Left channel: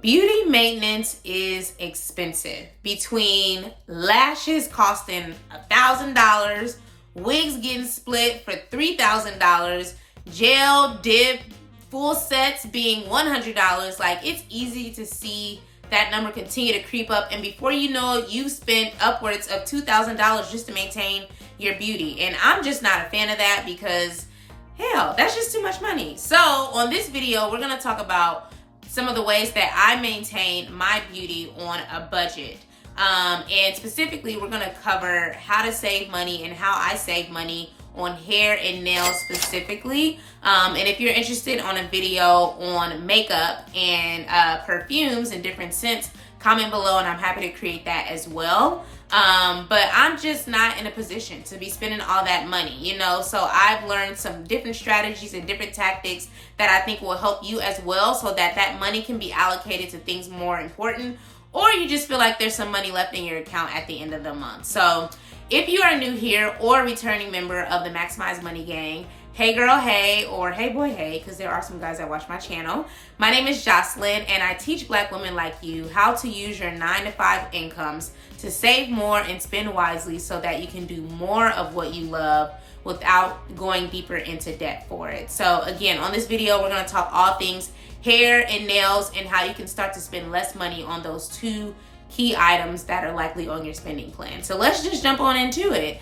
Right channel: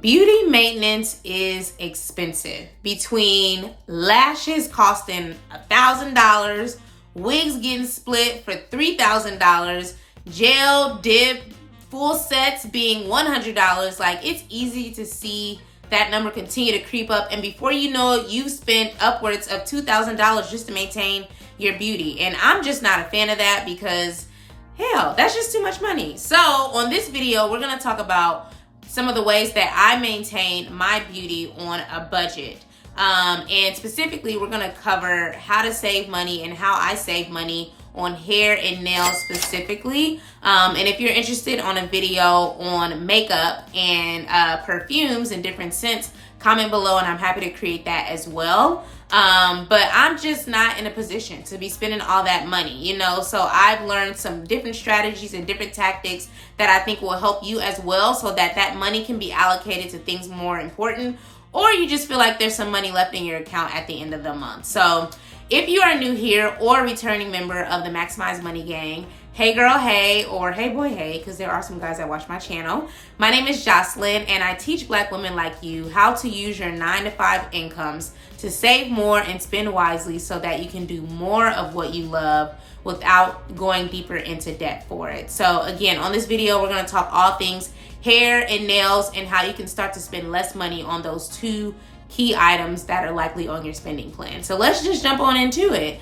Beauty maintenance is expensive. Between lashes costing $1,000, wigs getting split for $3,000, gel, dip, full sets being $100, like it's easy to see that number continue to creep up, and before you know it, you spent upwards of $2,000 just to maintain your beauty. And I'm just not a fan of that because hell, that's just too much money. So on this video, we're gonna talk about some of the ways that I maintain my beauty on a budget. And specifically, we're gonna cover how to save money and how I save money on hair and nails specifically. And if you're interested on a video on makeup and perfumes and different scents, comment below and I'm happy to create that as well. But I'm just not in a position to be spending all that money, you know? So I've learned some different strategies and different tactics that I think will help you as well, so that that money can be allocated to things more important, or you just feel like there's some money left in your account at the end of the month. So if you are new here or a returning member of the Maximize Money Gang, hey girl, hey, or hey boy, hey, because there are some guys that watch my channel. My name is Jocelyn, and I teach Black women like you how to use your 9-to-5 incomes to save more and spend wisely so that you can do more of what you love without going deeper into debt for it. So again, on this video, we're gonna talk all things hair and nails and how you can start to spend less money on those two key items that are likely on your spending plan. So let's just jump on into it.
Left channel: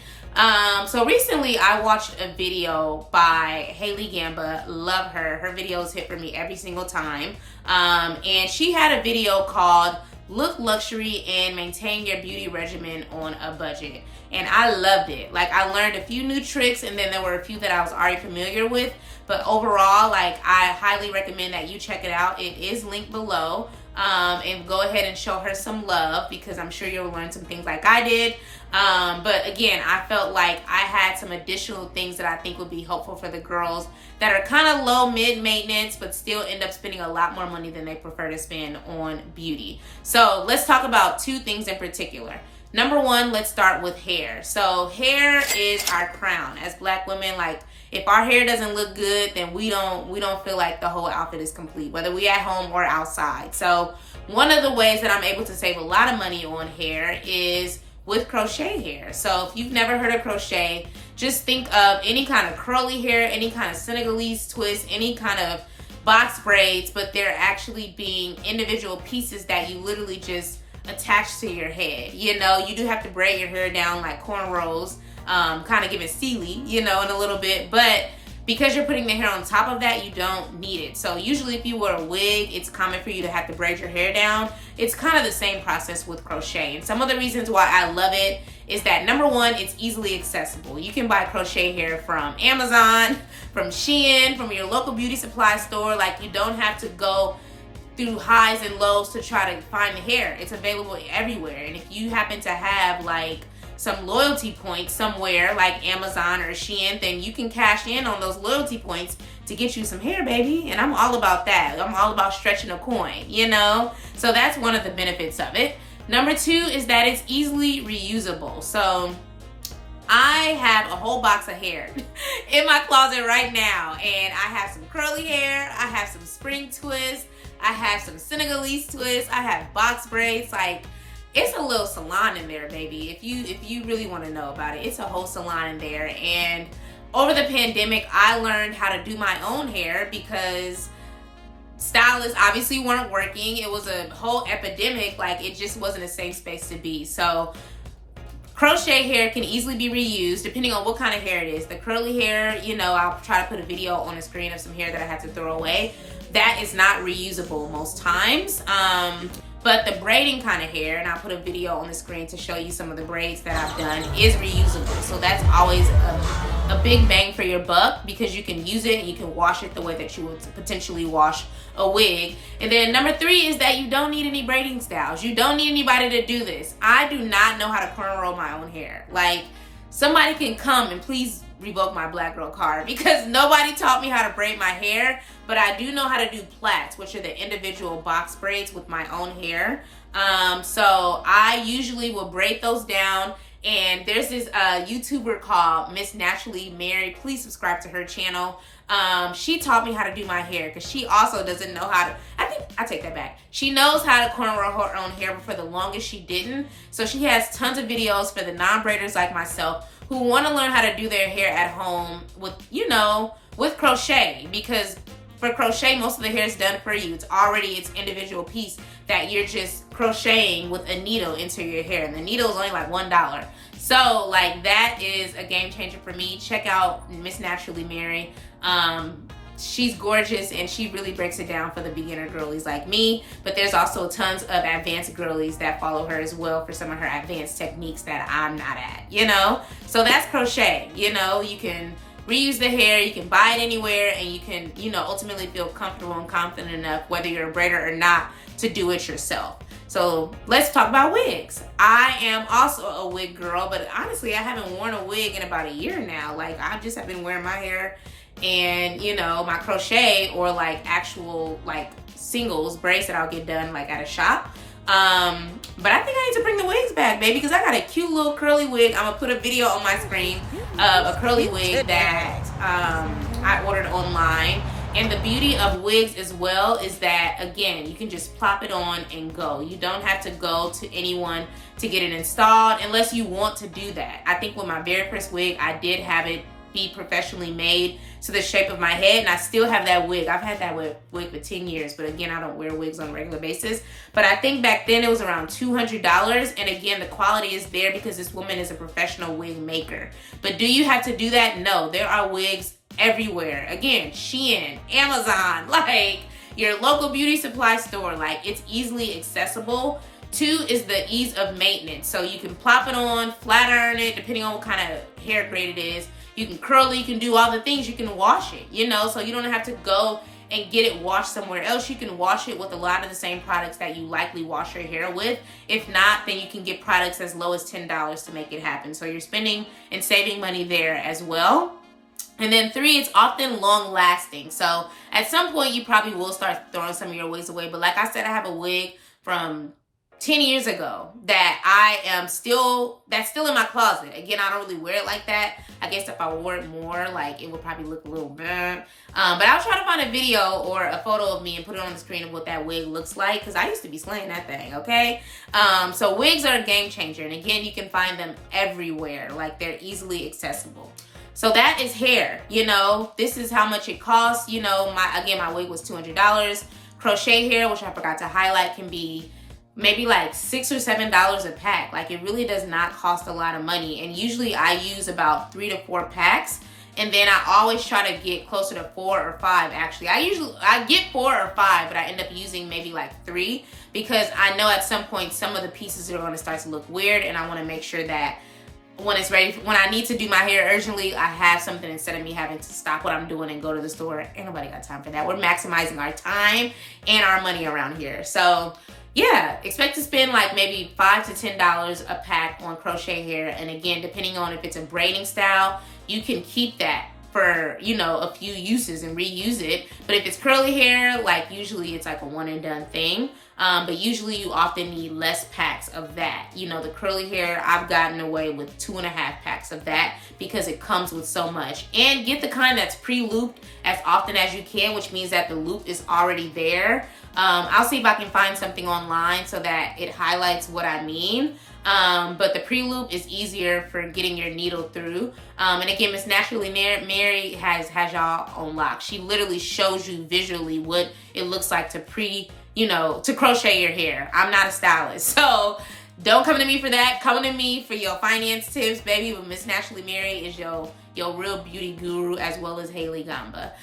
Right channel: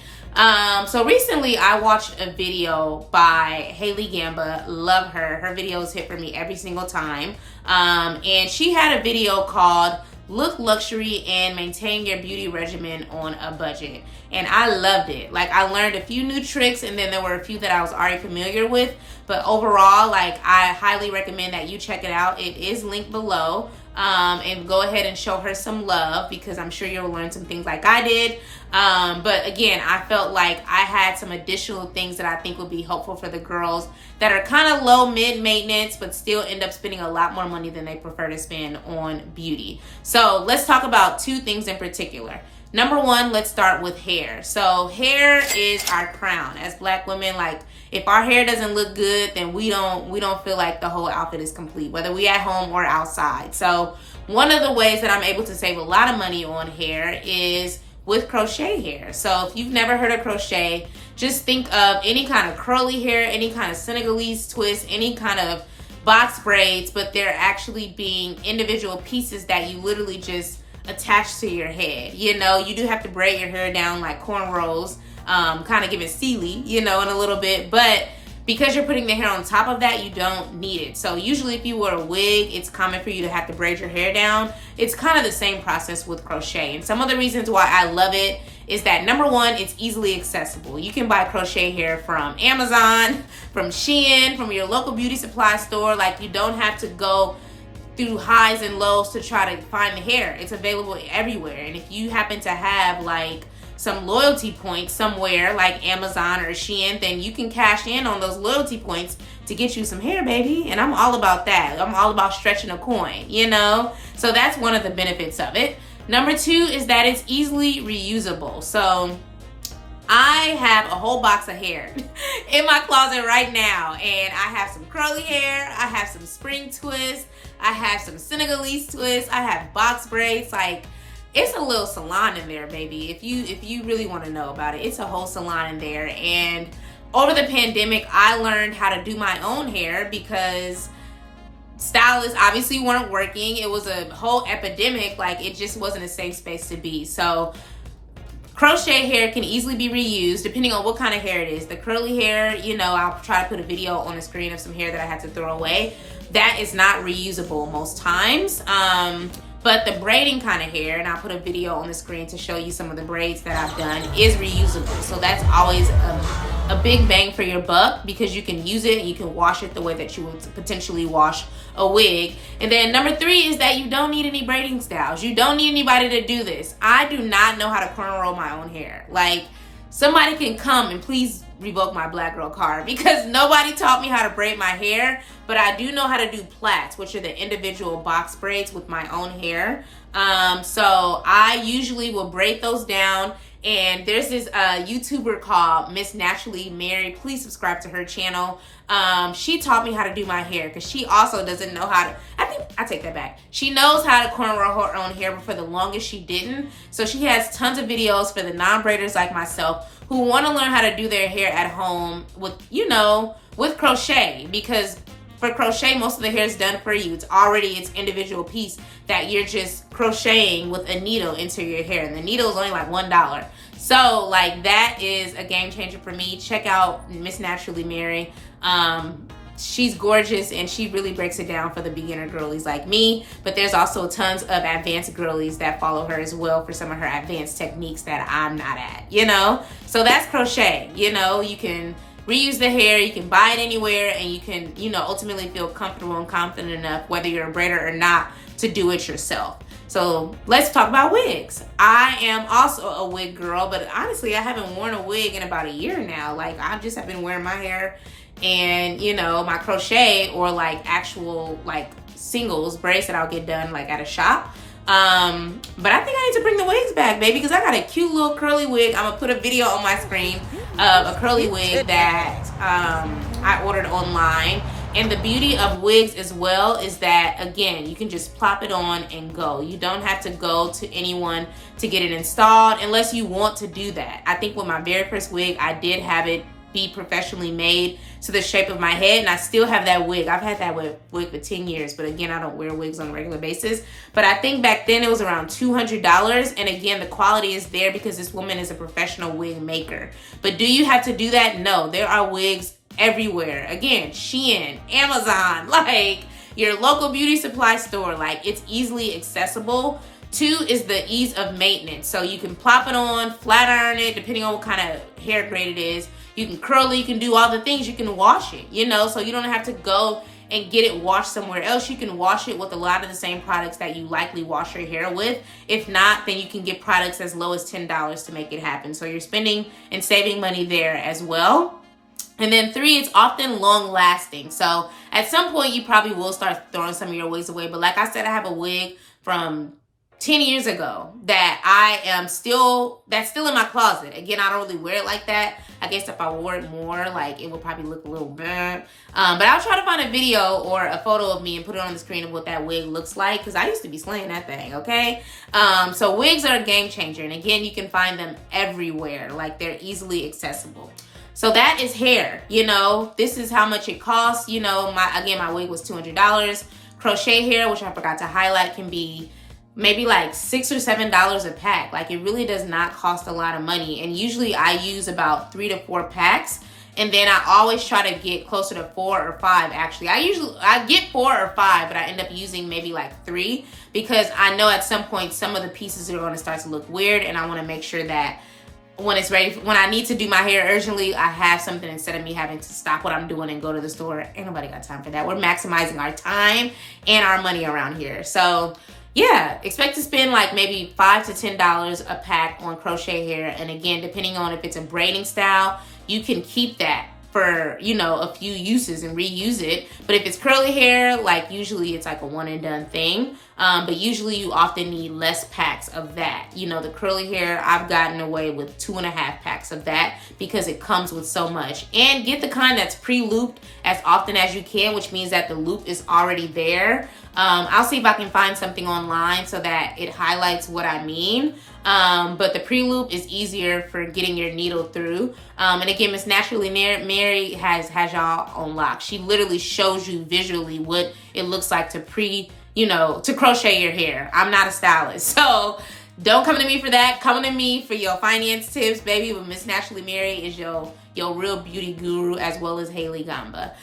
So recently I watched a video by Haley Gamba. Love her. Her videos hit for me every single time. And she had a video called Look Luxury and Maintain Your Beauty Regimen on a Budget. And I loved it. Like, I learned a few new tricks, and then there were a few that I was already familiar with. But overall, like, I highly recommend that you check it out. It is linked below. And go ahead and show her some love, because I'm sure you'll learn some things like I did. But again, I felt like I had some additional things that I think would be helpful for the girls that are kind of low mid maintenance but still end up spending a lot more money than they prefer to spend on beauty. So let's talk about two things in particular. Number one, let's start with hair. So hair is our crown. As Black women, like, if our hair doesn't look good, then we don't feel like the whole outfit is complete, whether we at home or outside. So one of the ways that I'm able to save a lot of money on hair is with crochet hair. So if you've never heard of crochet, just think of any kind of curly hair, any kind of Senegalese twist, any kind of box braids, but they're actually being individual pieces that you literally just attach to your head. You know, you do have to braid your hair down like cornrows, kind of give it Sealy, you know, in a little bit, but because you're putting the hair on top of that, you don't need it. So usually if you wear a wig, it's common for you to have to braid your hair down. It's kind of the same process with crochet. And some of the reasons why I love it is that, number one, it's easily accessible. You can buy crochet hair from Amazon, from Shein, from your local beauty supply store. Like, you don't have to go through highs and lows to try to find the hair. It's available everywhere. And if you happen to have like some loyalty points somewhere like Amazon or Shein, then you can cash in on those loyalty points to get you some hair, baby. And I'm all about that. I'm all about stretching a coin, you know? So that's one of the benefits of it. Number two is that it's easily reusable. So I have a whole box of hair in my closet right now, and I have some curly hair, I have some spring twists, I have some Senegalese twists, I have box braids. Like, it's a little salon in there, baby. If you really want to know about it, it's a whole salon in there. And over the pandemic, I learned how to do my own hair because stylists obviously weren't working. It was a whole epidemic. Like, it just wasn't a safe space to be. So crochet hair can easily be reused depending on what kind of hair it is. The curly hair, you know, I'll try to put a video on the screen of some hair that I had to throw away. That is not reusable most times. But the braiding kind of hair, and I'll put a video on the screen to show you some of the braids that I've done, is reusable. So that's always a big bang for your buck, because you can use it and you can wash it the way that you would potentially wash a wig. And then number three is that you don't need any braiding styles. You don't need anybody to do this. I do not know how to cornrow my own hair. Like, somebody can come and please revoke my Black girl card, because nobody taught me how to braid my hair. But I do know how to do plaits, which are the individual box braids with my own hair. So I usually will braid those down. And there's this YouTuber called Miss Naturally Married. Please subscribe to her channel. She taught me how to do my hair, because she also doesn't know how to. I I take that back. She knows how to cornrow her own hair, but for the longest she didn't. So she has tons of videos for the non-braiders like myself who want to learn how to do their hair at home with, you know, with crochet, because for crochet, most of the hair is done for you. It's already its individual piece that you're just crocheting with a needle into your hair. And the needle is only like $1. So like that is a game changer for me. Check out Miss Naturally Mary. She's gorgeous and she really breaks it down for the beginner girlies like me. But there's also tons of advanced girlies that follow her as well for some of her advanced techniques that I'm not at, you know? So that's crochet. You know, you can reuse the hair, you can buy it anywhere, and you can, you know, ultimately feel comfortable and confident enough, whether you're a braider or not, to do it yourself. So let's talk about wigs. I am also a wig girl, but honestly, I haven't worn a wig in about a year now. Like, I just have been wearing my hair and, you know, my crochet or like actual like singles braids that I'll get done like at a shop. But I think I need to bring the wigs back, baby, because I got a cute little curly wig. I'm gonna put a video on my screen of a curly wig that I ordered online. And the beauty of wigs as well is that, again, you can just plop it on and go. You don't have to go to anyone to get it installed unless you want to do that. I think with my very first wig, I did have it be professionally made to the shape of my head, and I still have that wig. I've had that wig for 10 years, but again, I don't wear wigs on a regular basis. But I think back then it was around $200, and again, the quality is there because this woman is a professional wig maker. But do you have to do that? No, there are wigs everywhere. Again, Shein, Amazon, like your local beauty supply store. Like, it's easily accessible. 2 is the ease of maintenance. So you can plop it on, flat iron it, depending on what kind of hair grade it is. You can curl it, you can do all the things, you can wash it, you know, so you don't have to go and get it washed somewhere else. You can wash it with a lot of the same products that you likely wash your hair with. If not, then you can get products as low as $10 to make it happen. So you're spending and saving money there as well. And then 3, it's often long lasting. So at some point you probably will start throwing some of your wigs away. But like I said, I have a wig from 10 years ago that that's still in my closet. Again, I don't really wear it like that. I guess if I wore it more, like, it would probably look a little burnt. But I'll try to find a video or a photo of me and put it on the screen of what that wig looks like, because I used to be slaying that thing, okay? So wigs are a game changer. And again, you can find them everywhere. Like, they're easily accessible. So that is hair, you know. This is how much it costs. You know, my wig was $200. Crochet hair, which I forgot to highlight, can be maybe like $6 or $7 a pack. Like, it really does not cost a lot of money. And usually I use about 3 to 4 packs. And then I always try to get closer to 4 or 5 actually. I get 4 or 5, but I end up using maybe like 3 because I know at some point some of the pieces are going to start to look weird, and I want to make sure that when it's ready, when I need to do my hair urgently, I have something instead of me having to stop what I'm doing and go to the store. Ain't nobody got time for that. We're maximizing our time and our money around here. So yeah, expect to spend like maybe $5 to $10 a pack on crochet hair. And again, depending on if it's a braiding style, you can keep that for, you know, a few uses and reuse it. But if it's curly hair, like, usually it's like a one and done thing. But usually you often need less packs of that. You know, the curly hair, I've gotten away with 2.5 packs of that because it comes with so much. And get the kind that's pre-looped as often as you can, which means that the loop is already there. I'll see if I can find something online so that it highlights what I mean. But the pre-loop is easier for getting your needle through. And again, Miss Naturally Mary has y'all on lock. She literally shows you visually what it looks like to to crochet your hair. I'm not a stylist, so don't come to me for that. Come to me for your finance tips, baby. But Miss Naturally Mary is your real beauty guru, as well as Haley Gamba.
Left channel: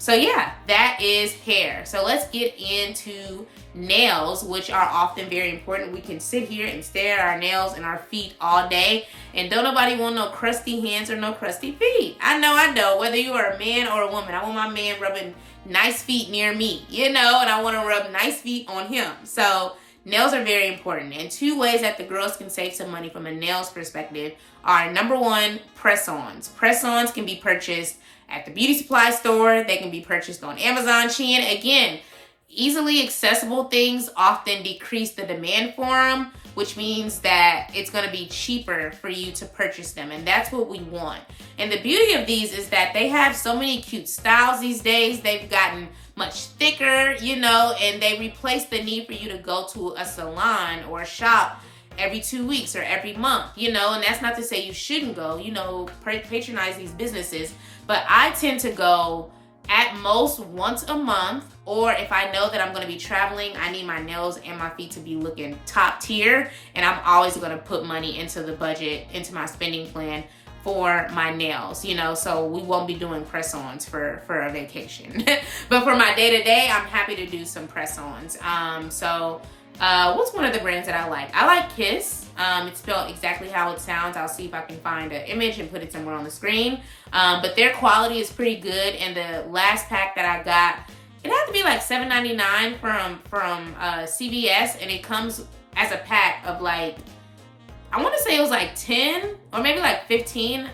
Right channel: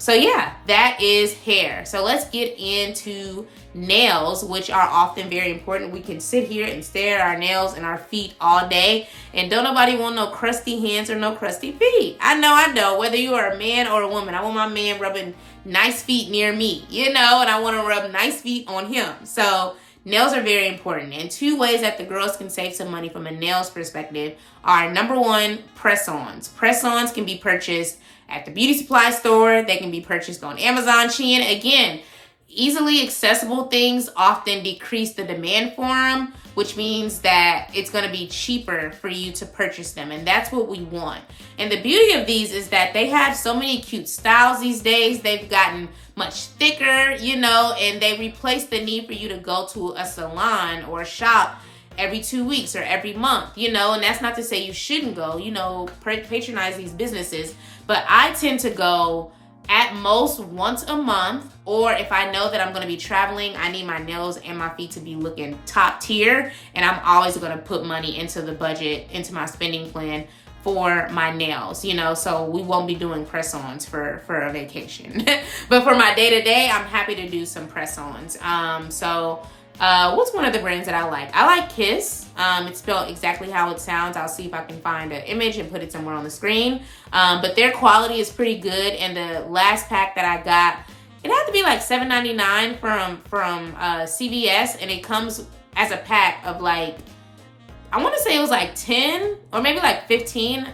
So yeah, that is hair. So let's get into nails, which are often very important. We can sit here and stare at our nails and our feet all day, and don't nobody want no crusty hands or no crusty feet. I know, whether you are a man or a woman, I want my man rubbing nice feet near me, and I want to rub nice feet on him. So nails are very important. And 2 ways that the girls can save some money from a nails perspective are, number 1, press-ons. Press-ons can be purchased at the beauty supply store. They can be purchased on Amazon, Shein. Again, easily accessible things often decrease the demand for them, which means that it's going to be cheaper for you to purchase them. And that's what we want. And the beauty of these is that they have so many cute styles these days. They've gotten much thicker, you know, and they replace the need for you to go to a salon or a shop every 2 weeks or every month, you know. And that's not to say you shouldn't go, you know, patronize these businesses. But I tend to go at most once a month, or if I know that I'm going to be traveling, I need my nails and my feet to be looking top tier, and I'm always going to put money into the budget, into my spending plan for my nails, you know. So we won't be doing press-ons for a vacation. But for my day-to-day, I'm happy to do some press-ons. What's one of the brands that I like? I like Kiss. It's spelled exactly how it sounds. I'll see if I can find an image and put it somewhere on the screen. But their quality is pretty good. And the last pack that I got, it had to be like $7.99 from CVS, and it comes as a pack of like, I want to say it was like 10 or maybe like 15.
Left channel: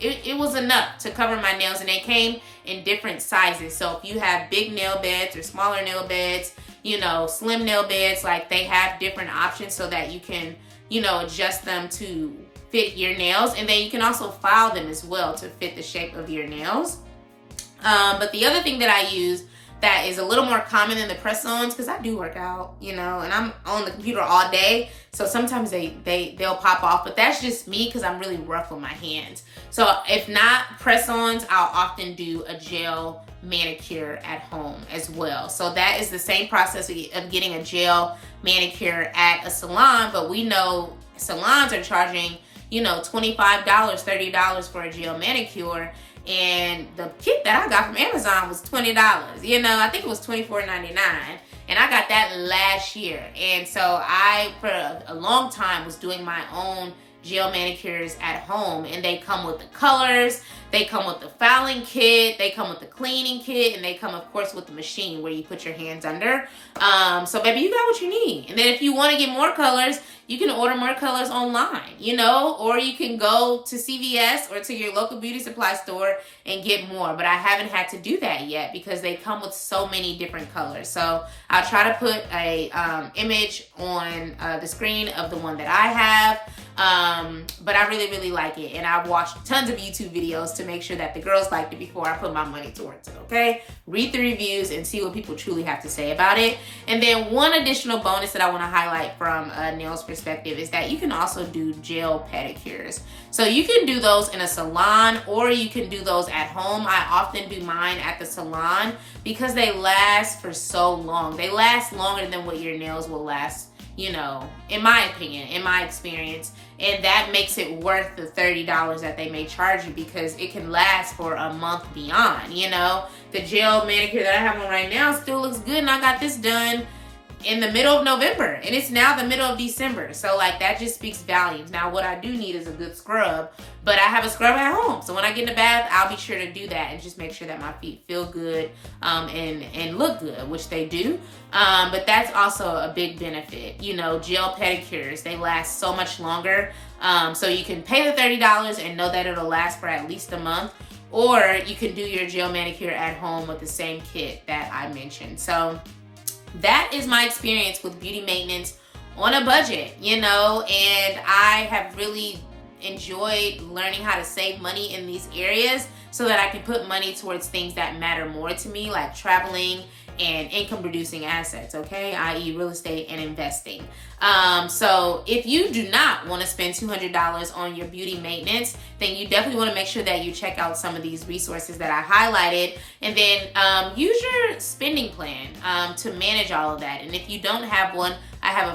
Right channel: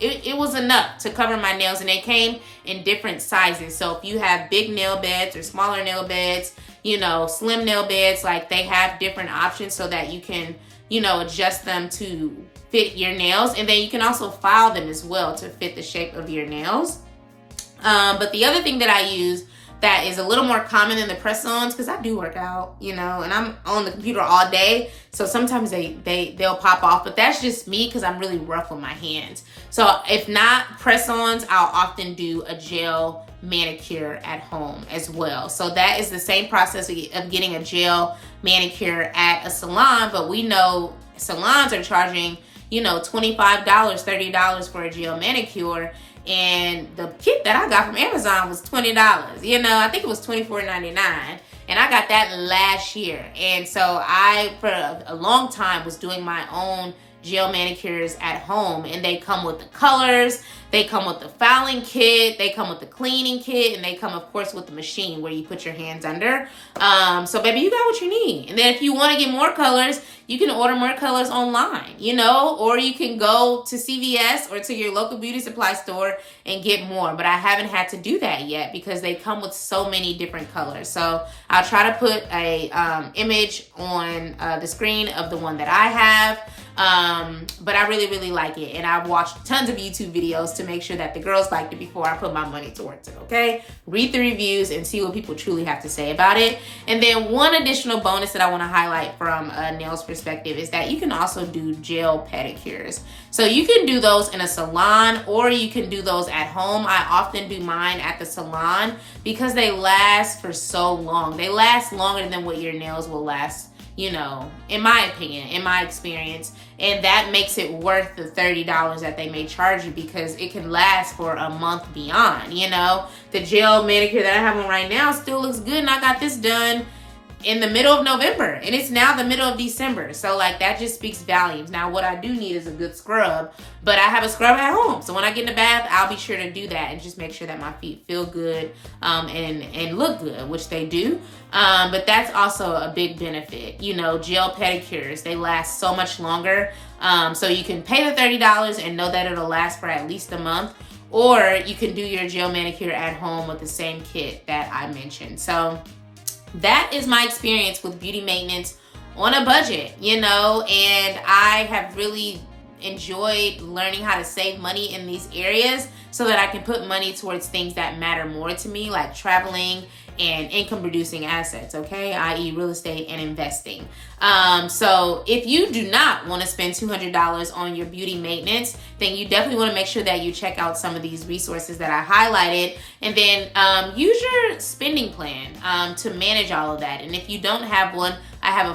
It was enough to cover my nails, and they came in different sizes. So if you have big nail beds or smaller nail beds, you know, slim nail beds, like they have different options so that you can, you know, adjust them to fit your nails. And then you can also file them as well to fit the shape of your nails. But the other thing that I use that is a little more common than the press-ons, because I do work out, you know, and I'm on the computer all day, so sometimes they'll pop off, but that's just me because I'm really rough with my hands. So if not press-ons, I'll often do a gel manicure at home as well. So that is the same process of getting a gel manicure at a salon, but we know salons are charging, you know, $25, $30 for a gel manicure. And the kit that I got from Amazon was $20. You know, I think it was $24.99. And I got that last year. And so I, for a long time, was doing my own gel manicures at home. And they come with the colors, they come with the filing kit, they come with the cleaning kit, and they come, of course, with the machine where you put your hands under. So, baby, you got what you need. And then if you want to get more colors, you can order more colors online, you know, or you can go to CVS or to your local beauty supply store and get more. But I haven't had to do that yet because they come with so many different colors. So I'll try to put a image on the screen of the one that I have. But I really, really like it. And I've watched tons of YouTube videos to make sure that the girls liked it before I put my money towards it, okay? Read the reviews and see what people truly have to say about it. And then one additional bonus that I want to highlight from a nails perspective is that you can also do gel pedicures. So you can do those in a salon or you can do those at home. I often do mine at the salon because they last for so long. They last longer than what your nails will last, you know, in my opinion, in my experience. And that makes it worth the $30 that they may charge you because it can last for a month beyond, you know. The gel manicure that I have on right now still looks good, and I got this done in the middle of November, and it's now the middle of December. So like that just speaks volumes. Now what I do need is a good scrub, but I have a scrub at home. So when I get in the bath, I'll be sure to do that and just make sure that my feet feel good and look good, which they do. But that's also a big benefit. You know, gel pedicures, they last so much longer. So you can pay the $30 and know that it'll last for at least a month, or you can do your gel manicure at home with the same kit that I mentioned. So that is my experience with beauty maintenance on a budget, you know, and I have really enjoyed learning how to save money in these areas so that I can put money towards things that matter more to me, like traveling and income producing assets, okay, i.e. real estate and investing. So if you do not want to spend $200 on your beauty maintenance, then you definitely want to make sure that you check out some of these resources that I highlighted, and then use your spending plan to manage all of that. And if you don't have one, I have a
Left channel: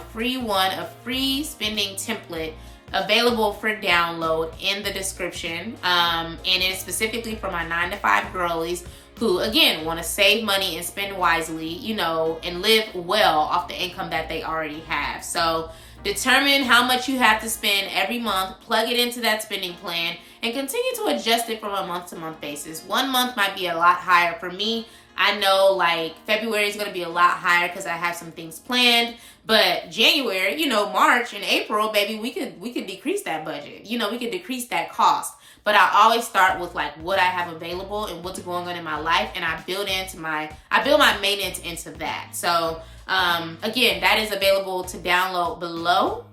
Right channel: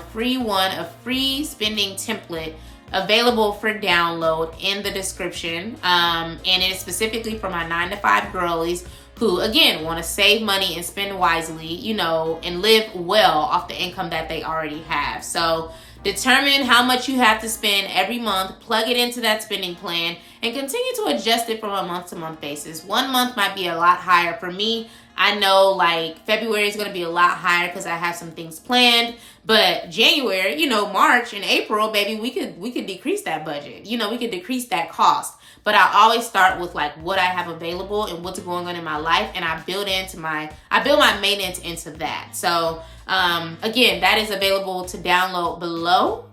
free spending template available for download in the description, and it is specifically for my 9-to-5 girlies who, again, want to save money and spend wisely, you know, and live well off the income that they already have. So determine how much you have to spend every month, plug it into that spending plan, and continue to adjust it from a month-to-month basis. 1 month might be a lot higher. For me, I know like February is going to be a lot higher because I have some things planned. But January, you know, March and April, baby, we could decrease that budget. You know, we could decrease that cost. But I always start with like what I have available and what's going on in my life, and I build my maintenance into that. So again, that is available to download below.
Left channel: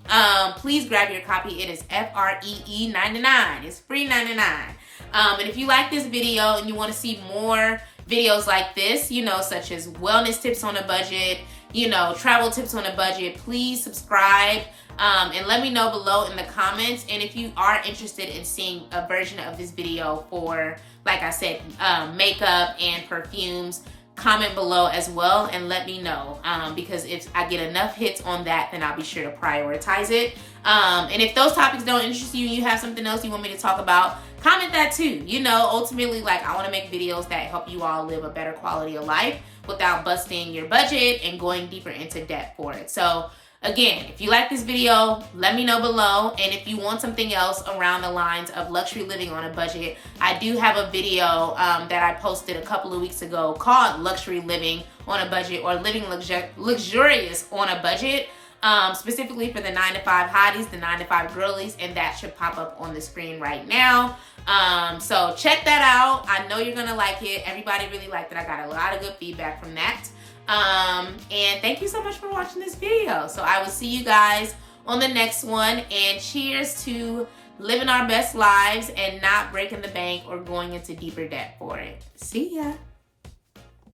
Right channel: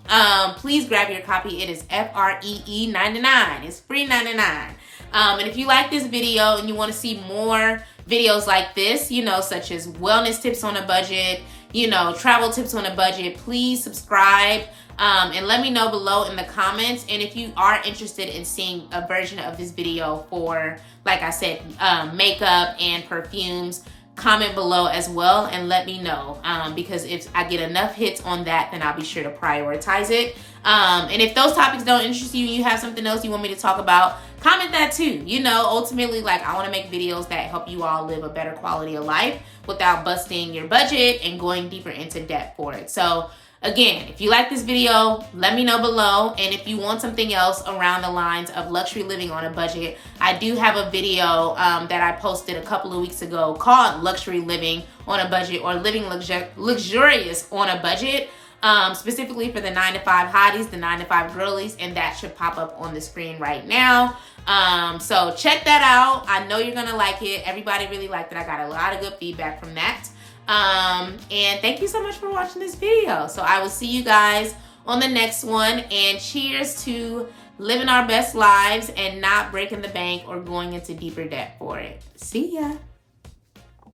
Please grab your copy. It is FREE 99. It's free 99. And if you like this video and you want to see more videos like this, you know, such as wellness tips on a budget, you know, travel tips on a budget, please subscribe. And let me know below in the comments. And if you are interested in seeing a version of this video for, like I said, makeup and perfumes, comment below as well and let me know, because if I get enough hits on that, then I'll be sure to prioritize it. And if those topics don't interest you and you have something else you want me to talk about, comment that too. You know, ultimately, like, I want to make videos that help you all live a better quality of life without busting your budget and going deeper into debt for it. So again, if you like this video, let me know below. And if you want something else around the lines of luxury living on a budget, I do have a video that I posted a couple of weeks ago called Luxury Living on a Budget, or Living Luxurious on a Budget, specifically for the 9-to-5 hotties, the 9-to-5 girlies, and that should pop up on the screen right now. So check that out. I know you're gonna like it. Everybody really liked it. I got a lot of good feedback from that. And thank you so much for watching this video. So I will see you guys on the next one, and cheers to living our best lives and not breaking the bank or going into deeper debt for it. See ya.